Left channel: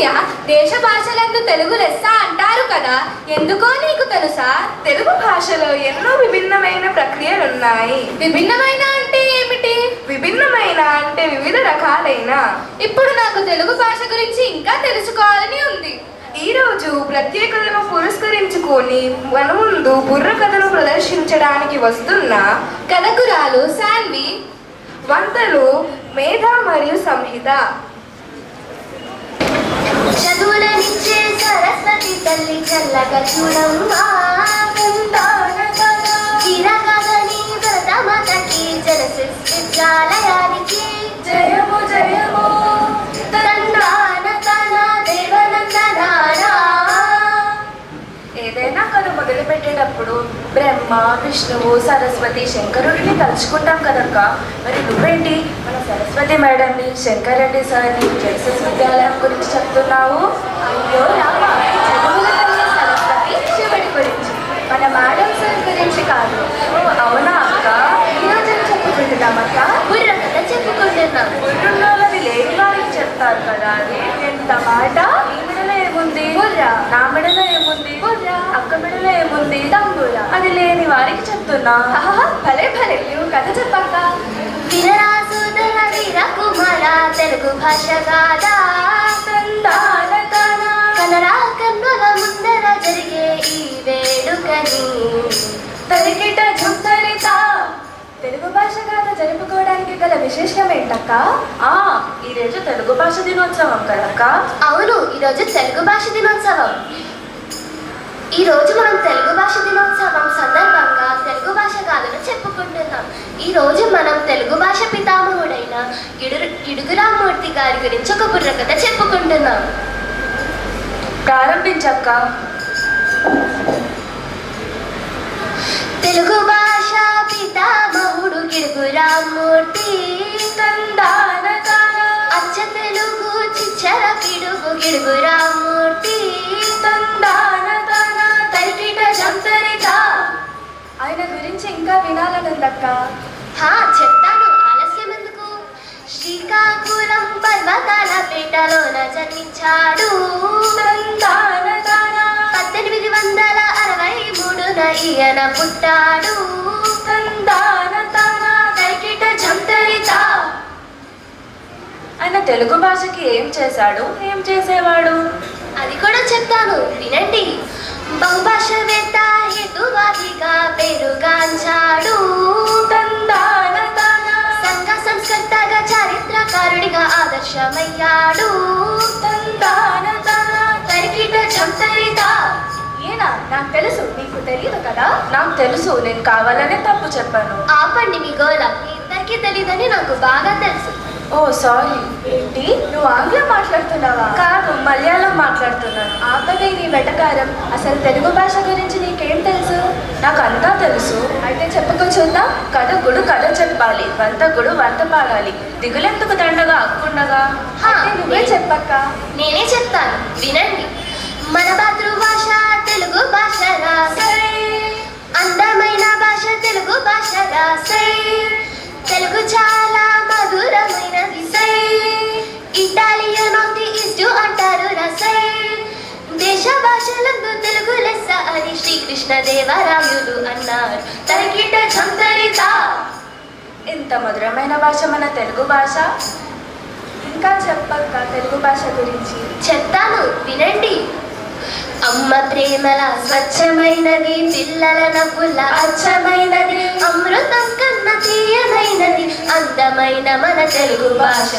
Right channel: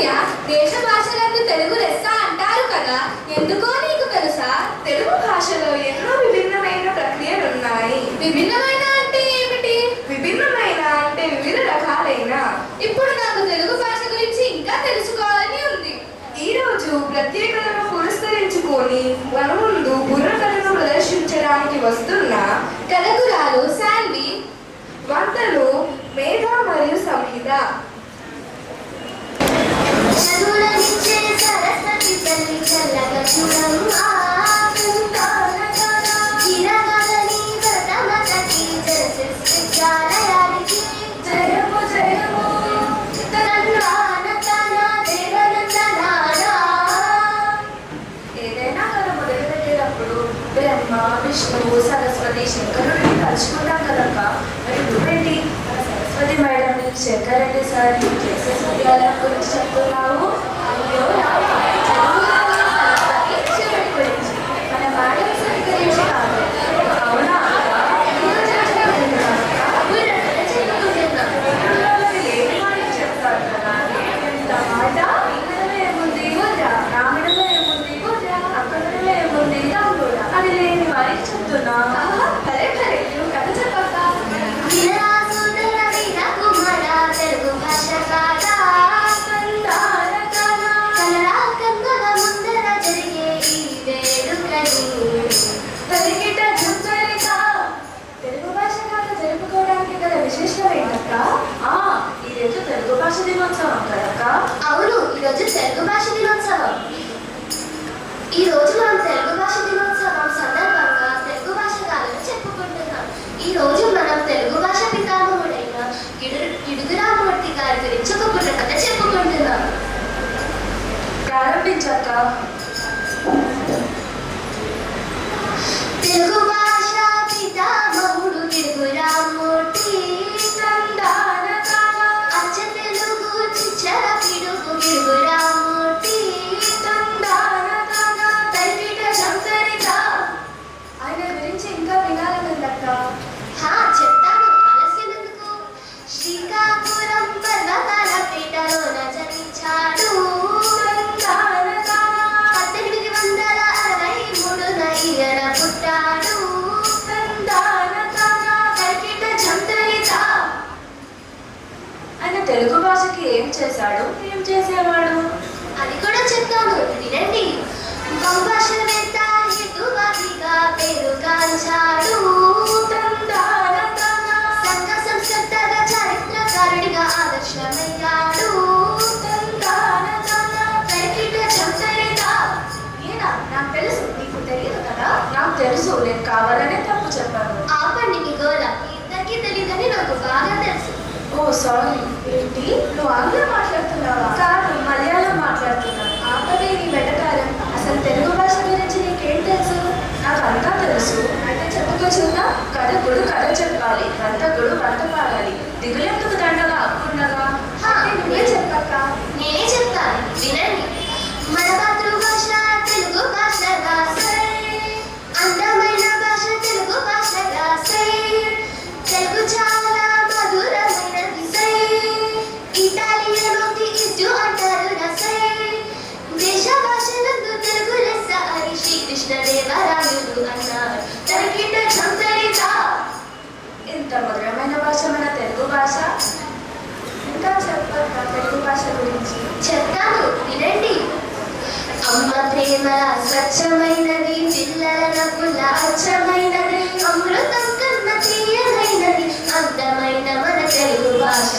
సూర్య, దేశ భాషలందు తెలుగు లెస్స అంటారు కదా, ఎందుకో నీకు తెలుసా? తెలుగు భాషలో ఎన్నో విభిన్నమైన ప్రక్రియలున్నాయి. విభిన్నమైన అంటే ఏమిటి? విభిన్నమైన అంటే వివిధ రకాలైన. ఇప్పుడు నాకు తెలుగు భాష గురించి ఇంకా తెలుసుకోవాలని ఉంది. ఈ రోజు ప్రత్యేకతను పురస్కరించుకొని మన ముందు బుర్రకథను ప్రదర్శించడానికి వస్తున్న కథకురాలు శాన్వి, వంతలు మేధ మరియు సంహిత. చదువులనిచ్చే సరస్వతి తల్లి చల్లగా చూడమ్మా, గిరగలని వ్రతమతకి జలసిద్ధాలయానికి జయము జయము తండ్రాన తన దేవనందనాడా. ఏదైనా కథ మొదలు పెట్టేటప్పుడు బ్రహ్మ, విష్ణువు, సరస్వతి, శంకరుడిని తలుచుకుంటాం కదక్క. మరి నువ్వేంటి మన సరస్వతి మేడంని, శంకరెడ్డి సార్ని, విద్యాలయం గురించి చెప్తున్నావు? అయ్యో రామా, చదువులన్నీ సరస్వతి శివుడి గురించి, మన మేడం సార్ గురించి కాదు. అవునా అక్క? ఈ రోజున చెప్పుకుంటున్నామక్క, బుర్రకథ చెప్పుకుంటున్నాం. గురువులోని లేని వారికి చెప్తారు కదా. ఎంత మాట! ఈమెడలో ఏముంది? బుర్ర. నా మెడలో ఏముంది? బుర్ర. అక్క మెడలో ఏముంది? తంబుర. అది లేని వారికి చెప్తున్నా. ఆహా, భలే భలే, నువ్వు కథ చెప్పక్క. వీరరాసుదన వీరకుమార తెలుగు భాష కాదా, కన్నడ కన్నుల ముందర జరిగే ఈ వేడుకని పెరిగిట జుంచరిత. తెలుగు భాష గాథ జరుపుకోవడానికి గల విశేషం ఏంటక్క? ఈరోజు తెలుగు భాష దినోత్సవం కదక్క. అవును, ఈరోజు తెలుగు భాష దినోత్సవం. ఈ రోజు మనం తెలుగు భాష దినోత్సవం సందర్భంగా తెలుగు భాష గాథను చెప్పుకుంటున్నాం. ఈ రోజు మనం తెలుగు భాష పితామహుడైన ఇడుగురామూర్తి గారి గురించి ఒక బుర్రకథ చెప్పుకుంటున్నాం. ప్రారంభించక్క. తెలుగు భాష పితామహుడు ఇడుగురామూర్తి, అచ్చ తెలుగు చిచ్చర పిడుగు ఇడుగురామూర్తి, తరికిట సంతరిత. ఆయన గురించి ఇంకా వినాలనుందక్క. చెప్తాను, ఆలస్యం ఎందుకు. శ్రీకాకుళం పర్వతాల పేటలోన జనించాడు, 1863న ఈయన పుట్టాడు. తరికిట సంతరిత. ఆయన తెలుగు భాషకి ఏం చేశాడు, ఏం చేసేవాడు? అది కూడా చెప్తాను, వినండి. బహుభాషవేత్త, హేతువాదిగా పేరుగాంచాడు, సంఘ సంస్కర్తగా చారిత్రకారుడిగా ఆదర్శమయ్యాడు. తరికిట సంతరిత. ఈయన నాకు తెలుసు, నీకు తెలియదు కదా. నాకు తెలుసు, నేను కావాలనే తప్పు చెప్పాను. ఆపండి మీ గోల, ఇద్దరికీ తెలియదని నాకు బాగా తెలుసు. ఓ సారీ. ఏంటి, నువ్వు ఆంగ్లం మాట్లాడుతున్నావా? కాదు, మలయాళం మాట్లాడుతున్నాను. ఆపదే నీ వెటకారం. అసలు తెలుగు భాష గురించి నీకేం తెలుసు? నాకు అంతా తెలుసు. అయితే చెప్పుకో చూద్దాం. కథకుడు కథ చెప్పాలి, వంతకుడు వంత పాడాలి, దిగులెందుకు దండగా అప్పుండగా. నువ్వే చెప్పక్క. నేనే చెప్తాను, వినండి. మన మాతృభాష తెలుగు భాష రాసై, అందమైన భాష తెలుగు భాష రాసై, తెలుగు చాలా మధురమైనది సై, ఇటాలియన్ ఆఫ్ ది ఈస్ట్ అంటారు రసై, దేశ భాషలందు తెలుగు లెస్స అని శ్రీకృష్ణదేవరాయుడు అన్నారు. తరికిట సంతరిత. ఇంత మధురమైన భాష మన తెలుగు భాష. ఇంకా చెప్పక్క తెలుగు భాష గురించి. చెప్తాను, వినండి. అమ్మ ప్రేమల స్వచ్ఛమైనది, పిల్లల నవ్వుల అచ్చమైనది, అమృతం కన్నా తీయమైనది, అందమైన మన తెలుగు భాష.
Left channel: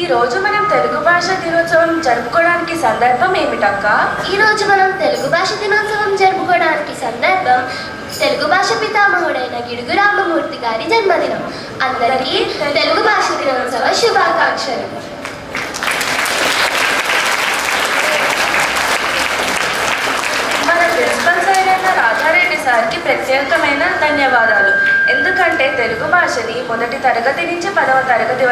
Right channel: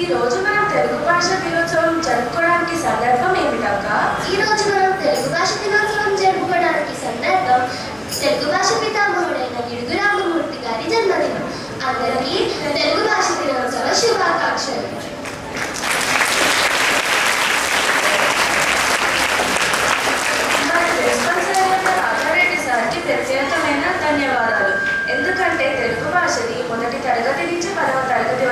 ఈ రోజు మనం తెలుగు భాష దినోత్సవం జరుపుకోవడానికి సందర్భం ఏమిటక్క? ఈ రోజు మనం తెలుగు భాష దినోత్సవం జరుపుకోవడానికి సందర్భం తెలుగు భాష పితామహుడైన గిడుగురామమూర్తి గారి జన్మదినం. అందరికీ తెలుగు భాష దినోత్సవ శుభాకాంక్షలు. మన ప్రిన్సిపల్ సార్ అయిన రాఘారెడ్డి సార్కి ప్రత్యేకమైన ధన్యవాదాలు. ఎందుకంటే తెలుగు భాషని మొదటి తరగతి నుంచి 10వ తరగతి